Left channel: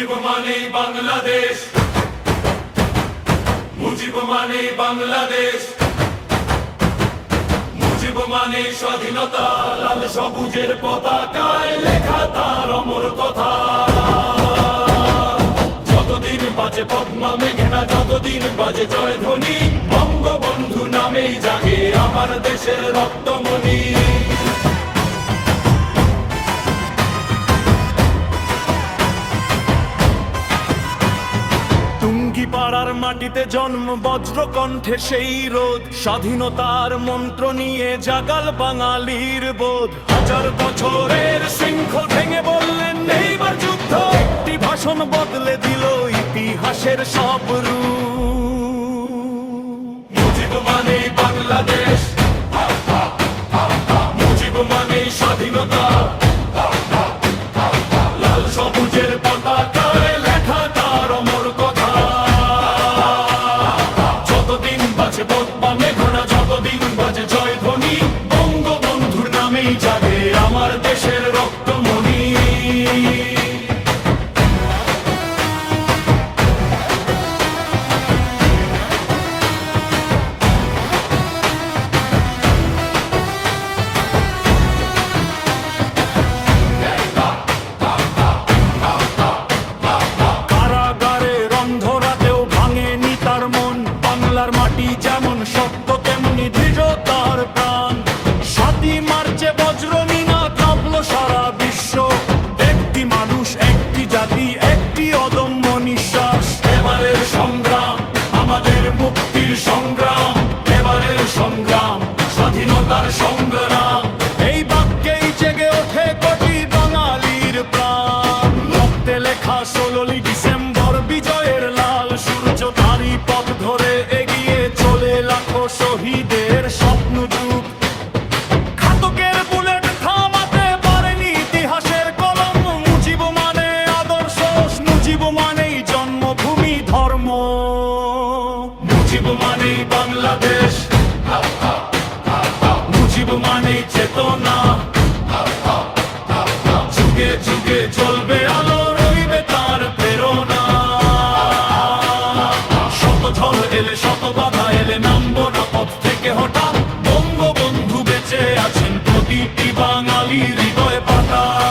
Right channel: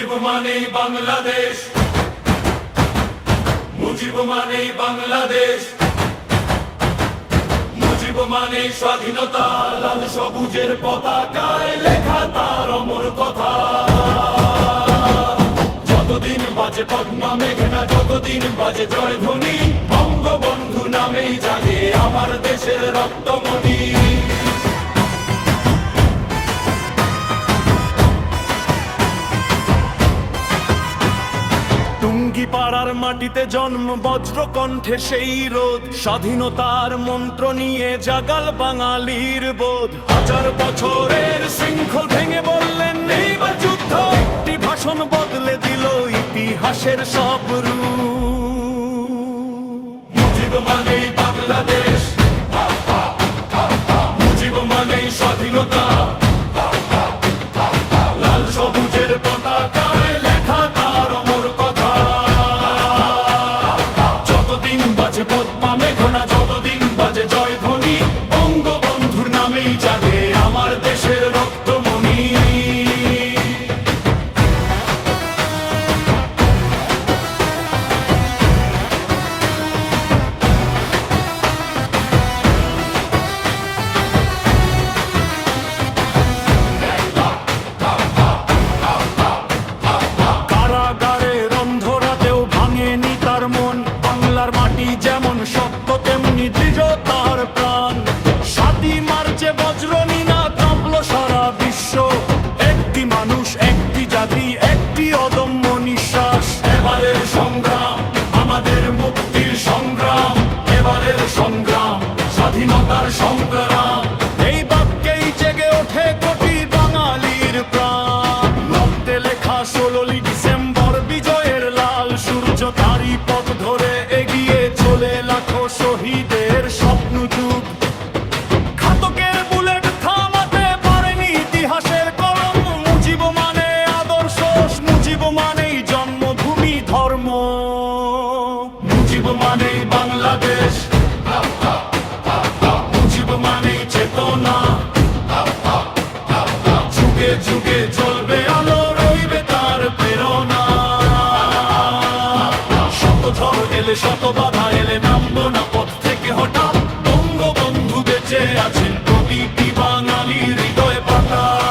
মুজিব মানে বাংলাদেশ। মুজিব মানে বাংলাদেশ। মুজিব মানে স্বাধীনতা, লাল সবুজের পতাকায় লেখা তার অমর কথা। যতদিন বাজে পদ্মা মেঘনা যতদিন বাজে জয় ধ্বনি বঙ্গবন্ধু নামেই জাগে আমার দেশের রক্তমণি। টুঙ্গি পাড়ার মাটিতে জন্ম বজ্র কণ্ঠে সেই রোদ। স্বাধীনতার মন্ত্র নিয়ে জাগাল বাঙালির বোধ। হাজার বছরের শৃঙ্খল ভেঙে বললেন, এইবার যুদ্ধ। একটি ভাষণ বদলে দিল ইতিহাসের সব রূপ। মুজিব মানেই বাংলাদেশ। মুজিব মানেই স্বাধীনতা। দেশের রক্তমণি। ভাঙেনি তার মন। বাংলার মাটি যেমন শক্ত, তেমনি দৃঢ় তার প্রাণ। সাতই মার্চে বজ্রনী না কাঁপল সারা বিশ্ব, একটি মানুষ, একটি জাতি, একটি অদম্য নিঃশ্বাস। এবারের সংগ্রাম, আমাদের মুক্তির সংগ্রাম, এবারের সংগ্রাম, স্বাধীনতার সংগ্রাম। এই বাক্যেই জেগে ওঠে কোটি বাঙালির প্রাণ। রক্তে লেখা ষোলোই ডিসেম্বর, বিজয়ের লাল সূর্য তারই পথ ধরে এগিয়ে চলে লাখো শহীদের স্বপ্ন যুগ ঘাতকের বুলেট জন্মভূমি ধর্ম। মুজিব মানেই বাংলাদেশ। মুজিব মানেই চেতনা। যুগে যুগে জ্বলবে আলো, রইবে তার প্রেরণা। শত ঝড় এলে শত বাধা, এলে নামবো না পথ থেকে হঠাৎ। বঙ্গবন্ধু বেঁচে আছেন প্রতিটি বাঙালি হৃদয় পাতা।